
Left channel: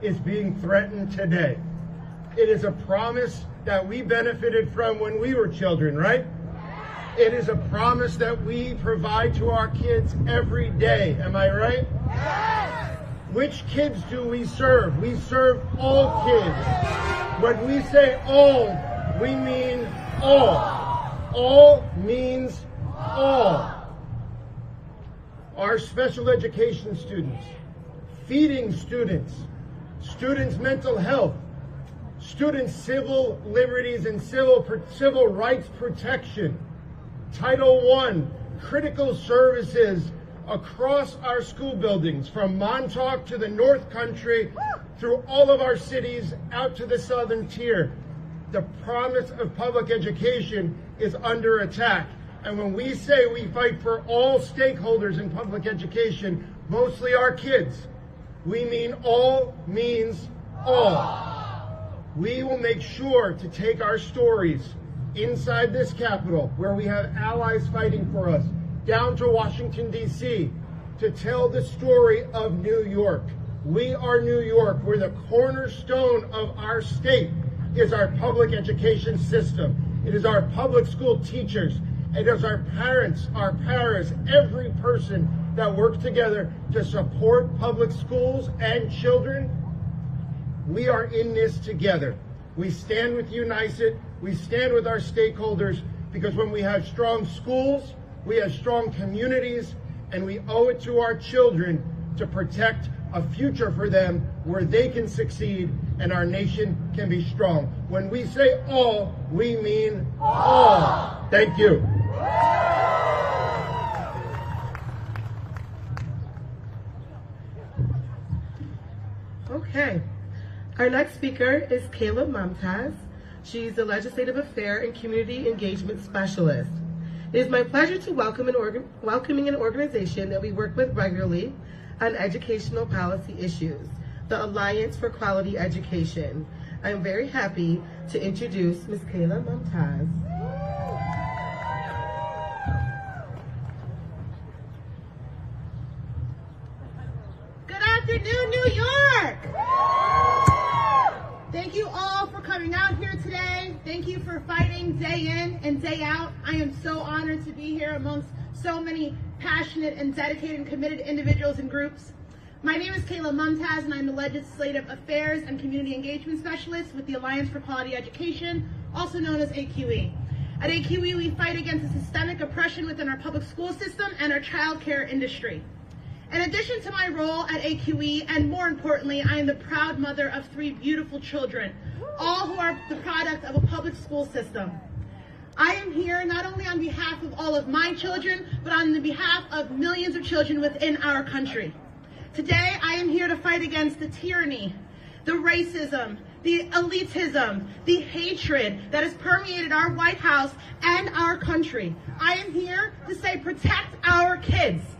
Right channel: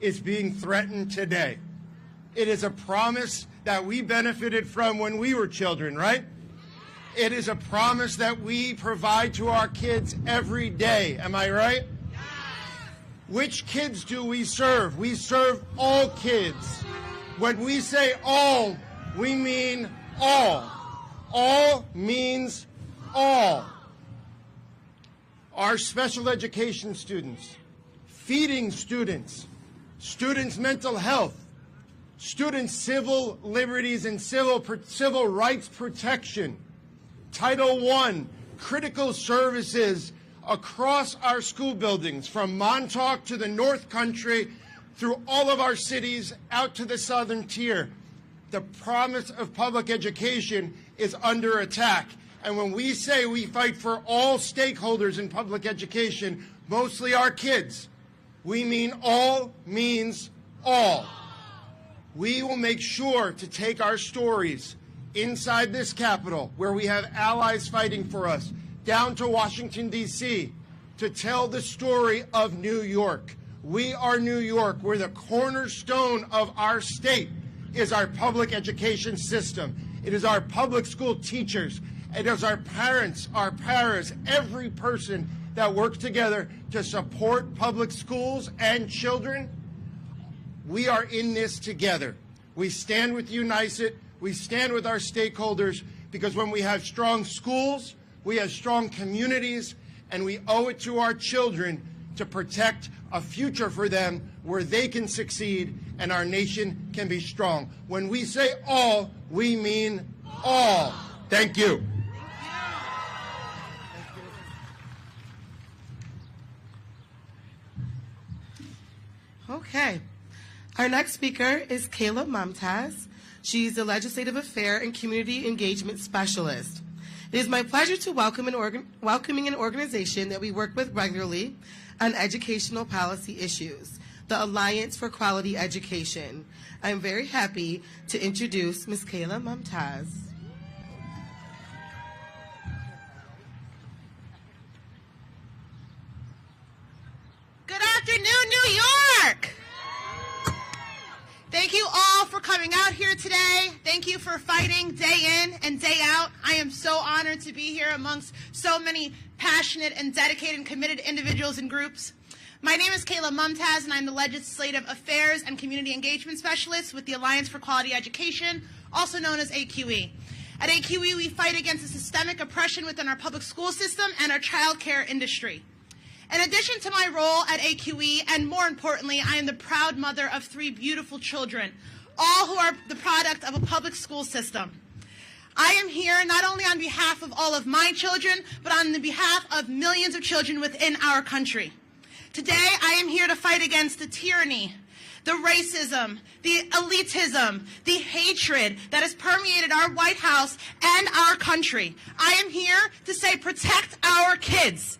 is being threatened today. It is a promise that we benefited from when we were children, right? It is a promise that we provide to our kids every day. Am I right? Which kids do we serve? We serve all kids. When we say all, we mean all. All means all. Our special education students, feeding students, students' mental health, students' civil liberties and civil rights protection, Title I, critical services across our school buildings, from Montauk to the North Country, through all of our cities, out to the southern tier. The promise of public education is under attack. And when we say we fight for all stakeholders in public education, mostly our kids, we mean all means all. We will make sure to take our stories inside this Capitol, where we have allies fighting for us, down to Washington, D.C., to tell the story of New York. We are New York, where the cornerstone of our state is our public education system. It is our public school teachers. It is our parents, our paras, every person that works together to support public schools and children. We are in this together. We stand with UNICET. We stand with our stakeholders, because when we have strong schools, we have strong communities, and we owe it to our children to protect a future for them where they can succeed and our nation can be strong. When we say all, we mean all. Thank you. Okay. Our next speaker is Kayla Mumtaz. She's a Legislative Affair and Community Engagement Specialist. It is my pleasure to welcoming an organization that we work with regularly on educational policy issues, the Alliance for Quality Education. I'm very happy to introduce Ms. Kayla Mumtaz. Good afternoon, New York! Thank you all for coming out here today. Thank you for fighting day in and day out. I am so honored to be here amongst so many passionate and dedicated and committed individuals and groups. My name is Kayla Mumtaz, and I'm the Legislative Affairs and Community Engagement Specialist with the Alliance for Quality Education, also known as AQE. At AQE, we fight against the systemic oppression within our public school system and our child care industry. In addition to my role at AQE, and more importantly, I am the proud mother of 3 beautiful children, all who are the product of a public school system. I am here not only on behalf of all of my children, but on the behalf of millions of children within our country. Today, I am here to fight against the tyranny, the racism, the elitism, the hatred that has permeated our White House and our country. I am here to say, protect our kids.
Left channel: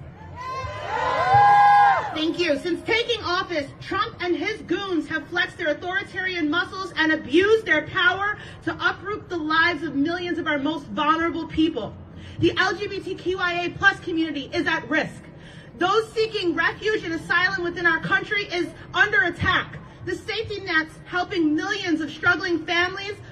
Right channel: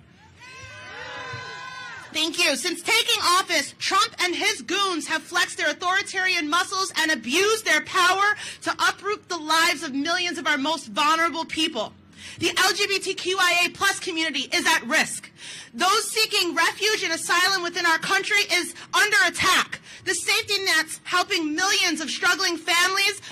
Thank you. Since taking office, Trump and his goons have flexed their authoritarian muscles and abused their power to uproot the lives of millions of our most vulnerable people. The LGBTQIA+ community is at risk. Those seeking refuge and asylum within our country is under attack. The safety nets helping millions of struggling families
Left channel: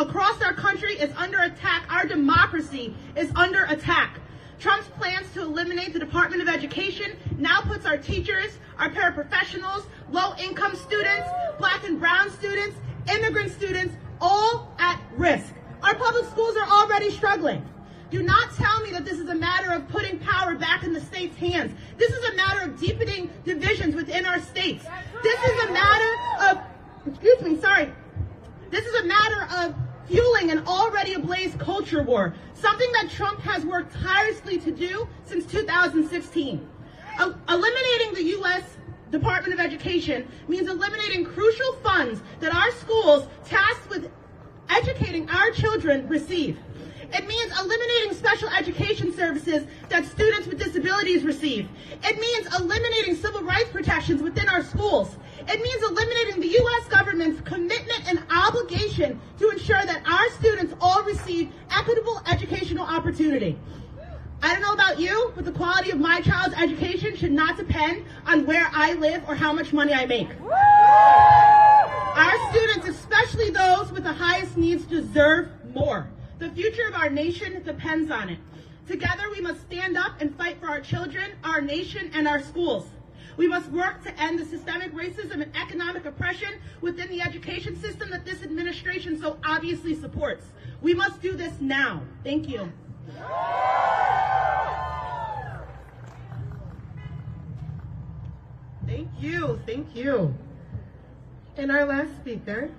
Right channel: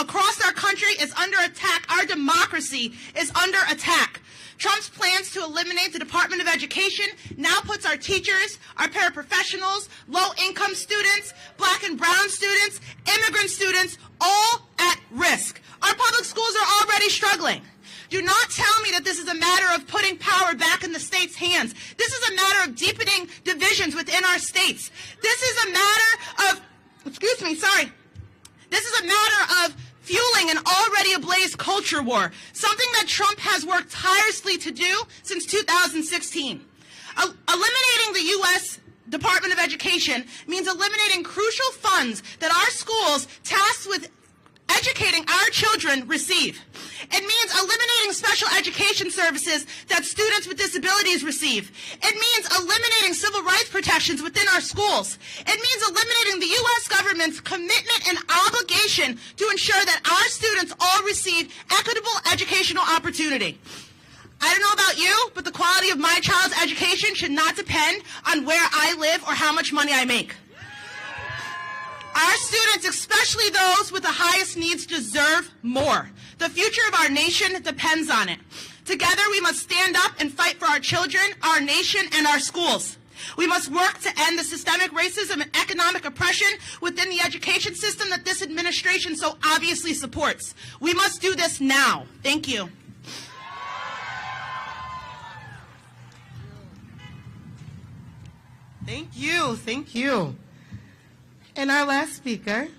across our country is under attack. Our democracy is under attack. Trump's plans to eliminate the Department of Education now puts our teachers, our paraprofessionals, low-income students, black and brown students, immigrant students, all at risk. Our public schools are already struggling. Do not tell me that this is a matter of putting power back in the state's hands. This is a matter of deepening divisions within our states. This is a matter of, this is a matter of fueling an already ablaze culture war, something that Trump has worked tirelessly to do since 2016. Eliminating the U.S. Department of Education means eliminating crucial funds that our schools tasked with educating our children receive. It means eliminating special education services that students with disabilities receive. It means eliminating civil rights protections within our schools. It means eliminating the U.S. government's commitment and obligation to ensure that our students all receive equitable educational opportunity. I don't know about you, but the quality of my child's education should not depend on where I live or how much money I make. Our students, especially those with the highest needs, deserve more. The future of our nation depends on it. Together, we must stand up and fight for our children, our nation, and our schools. We must work to end the systemic racism and economic oppression within the education system that this administration so obviously supports. We must do this now. Thank you. Thank you, thank you. And our last speaker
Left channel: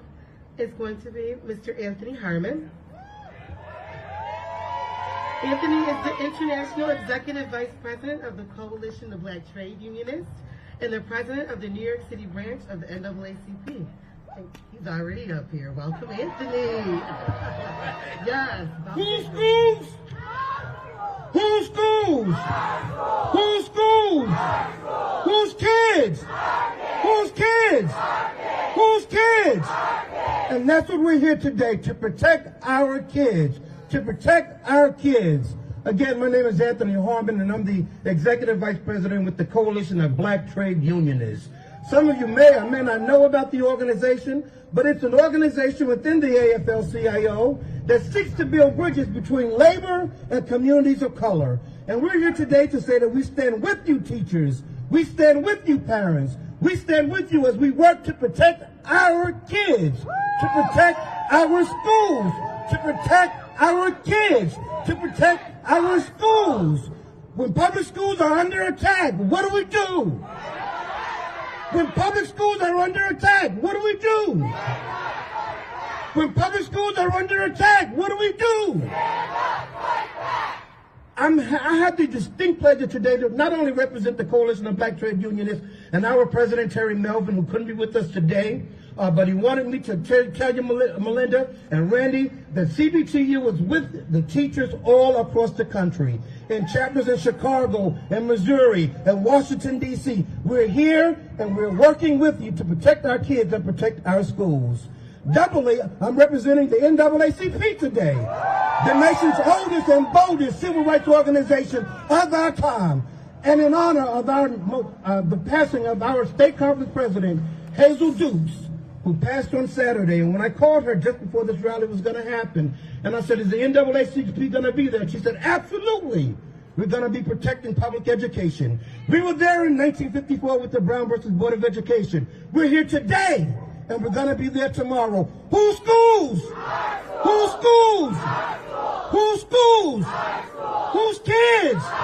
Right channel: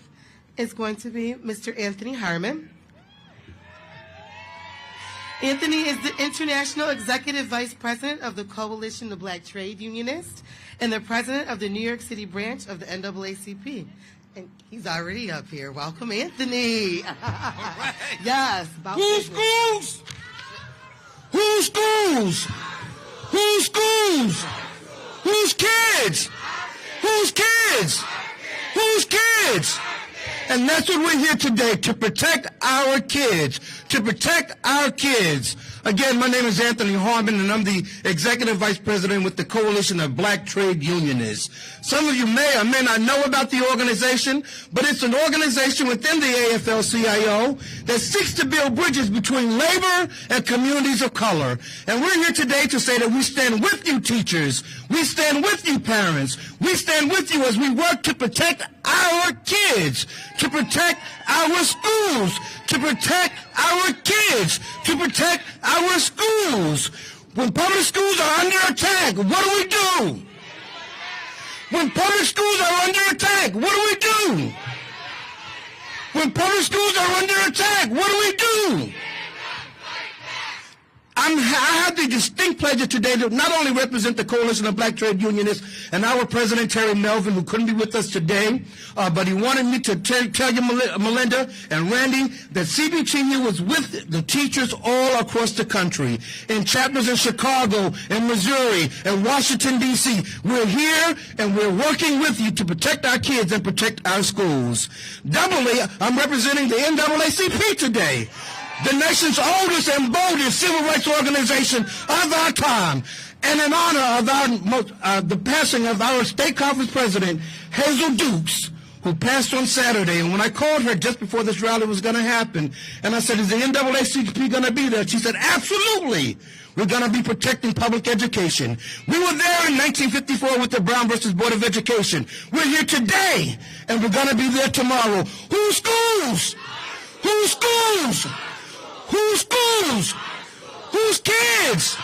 is going to be Mr. Anthony Harmon. Anthony is the International Executive Vice President of the Coalition of Black Trade Unionists and the President of the New York City branch of the NAACP. And he's already up here. Welcome, Anthony. Yes. Who's schools? Who's schools? Who's schools? Who's kids? Who's kids? Who's kids? And that's what we're here today, to protect our kids, to protect our kids. Again, my name is Anthony Harmon, and I'm the Executive Vice President with the Coalition of Black Trade Unionists. Some of you may or may not know about the organization, but it's an organization within the AFL-CIO that seeks to build bridges between labor and communities of color. And we're here today to say that we stand with you, teachers. We stand with you, parents. We stand with you as we work to protect our kids, to protect our schools, to protect our kids, to protect our schools. When public schools are under attack, what do we do? When public schools are under attack, what do we do? When public schools are under attack, what do we do? I have the distinct pleasure today to not only represent the Coalition of Black Trade Unionists and our President, Terry Melvin, who couldn't be with us today, but he wanted me to tell you, Melinda and Randy, that CBTU was with the teachers all across the country, in chapters in Chicago and Missouri and Washington, D.C. We're here and we're working with you to protect our kids and protect our schools. Doubly, I'm representing the NAACP today, the nation's oldest and boldest civil rights organization of our time. And in honor of the passing of our state conference president, Hazel Dukes, who passed on Saturday. And when I called her just before this rally was going to happen, and I said, is the NAACP going to be there? She said, absolutely. We're going to be protecting public education. We were there in 1954 with the Brown versus Board of Education. We're here today, and we're going to be there tomorrow. Who's schools? Who's schools? Who's schools? Who's kids?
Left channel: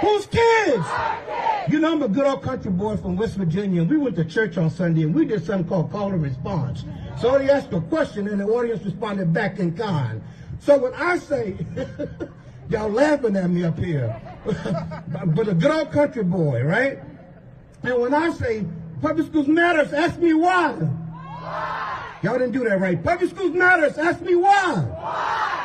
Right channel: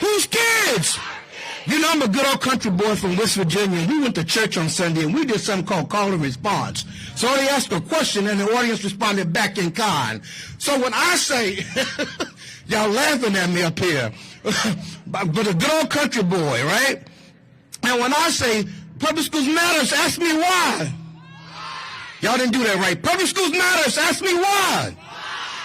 Who's kids? You know, I'm a good old country boy from West Virginia, and we went to church on Sunday, and we did something called call and response. So they asked a question, and the audience responded back in kind. So when I say, y'all laughing at me up here, but a good old country boy, right? And when I say public schools matters, ask me why. Y'all didn't do that right. Public schools matters, ask me why.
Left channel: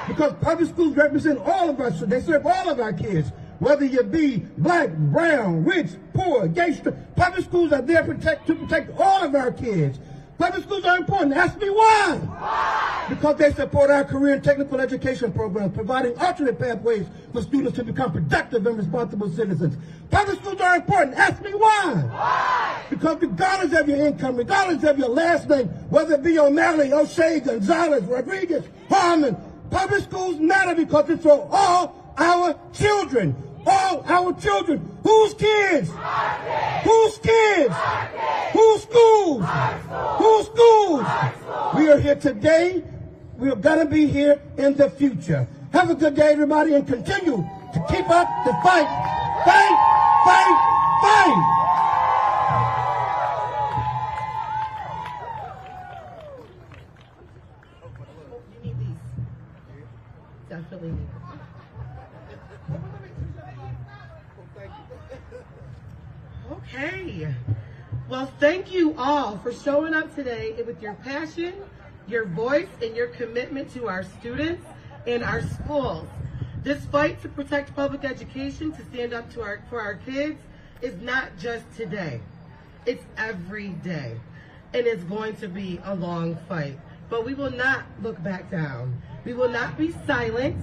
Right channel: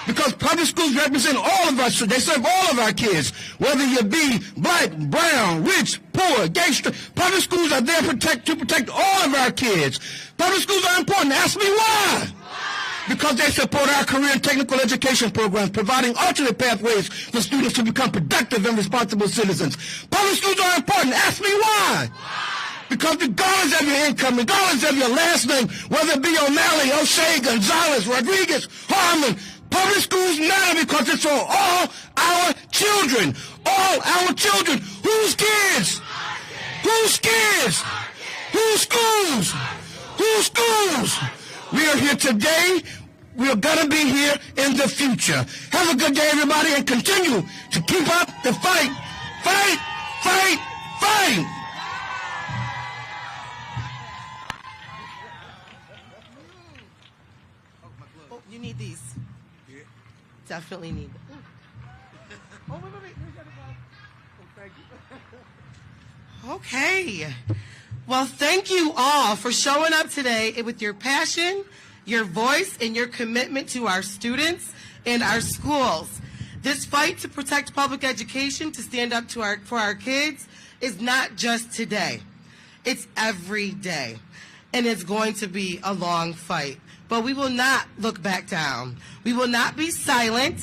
Because public schools represent all of us. They serve all of our kids, whether you be black, brown, rich, poor, gay, straight. Public schools are there to protect all of our kids. Public schools are important. Ask me why. Because they support our career and technical education programs, providing alternate pathways for students to become productive and responsible citizens. Public schools are important. Ask me why. Because regardless of your income, regardless of your last name, whether it be O'Malley, O'Shea, Gonzalez, Rodriguez, Harmon, public schools matter because it's for all our children. All our children. Whose kids? Whose kids? Whose schools? Whose schools? We are here today. We're going to be here in the future. Have a good day, everybody, and continue to keep up the fight. Fight, fight, fight. You need these. Definitely need them. Okay. Well, thank you all for showing up today with your passion, your voice, and your commitment to our students and our schools. This fight to protect public education, to stand up for our kids, is not just today. It's every day. And it's going to be a long fight. But we will not look back down. We will not be silent.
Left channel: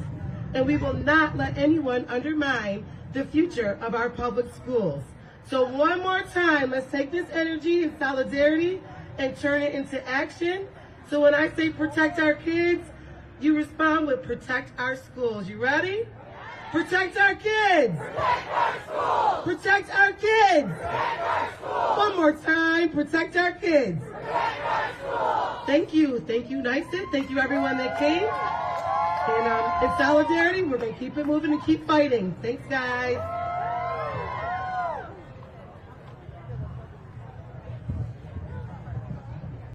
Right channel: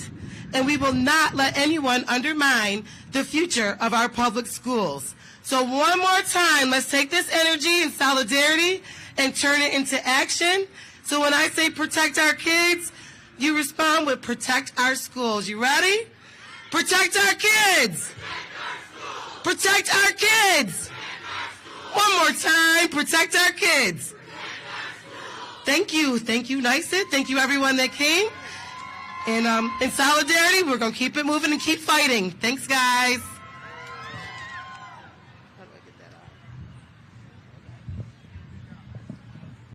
and we will not let anyone undermine the future of our public schools. So one more time, let's take this energy and solidarity and turn it into action. So when I say protect our kids, you respond with protect our schools. You ready? Protect our kids. Protect our kids. One more time, protect our kids. Thank you, NYSET. Thank you, everyone that came. And in solidarity, we're going to keep it moving and keep fighting. Thanks, guys.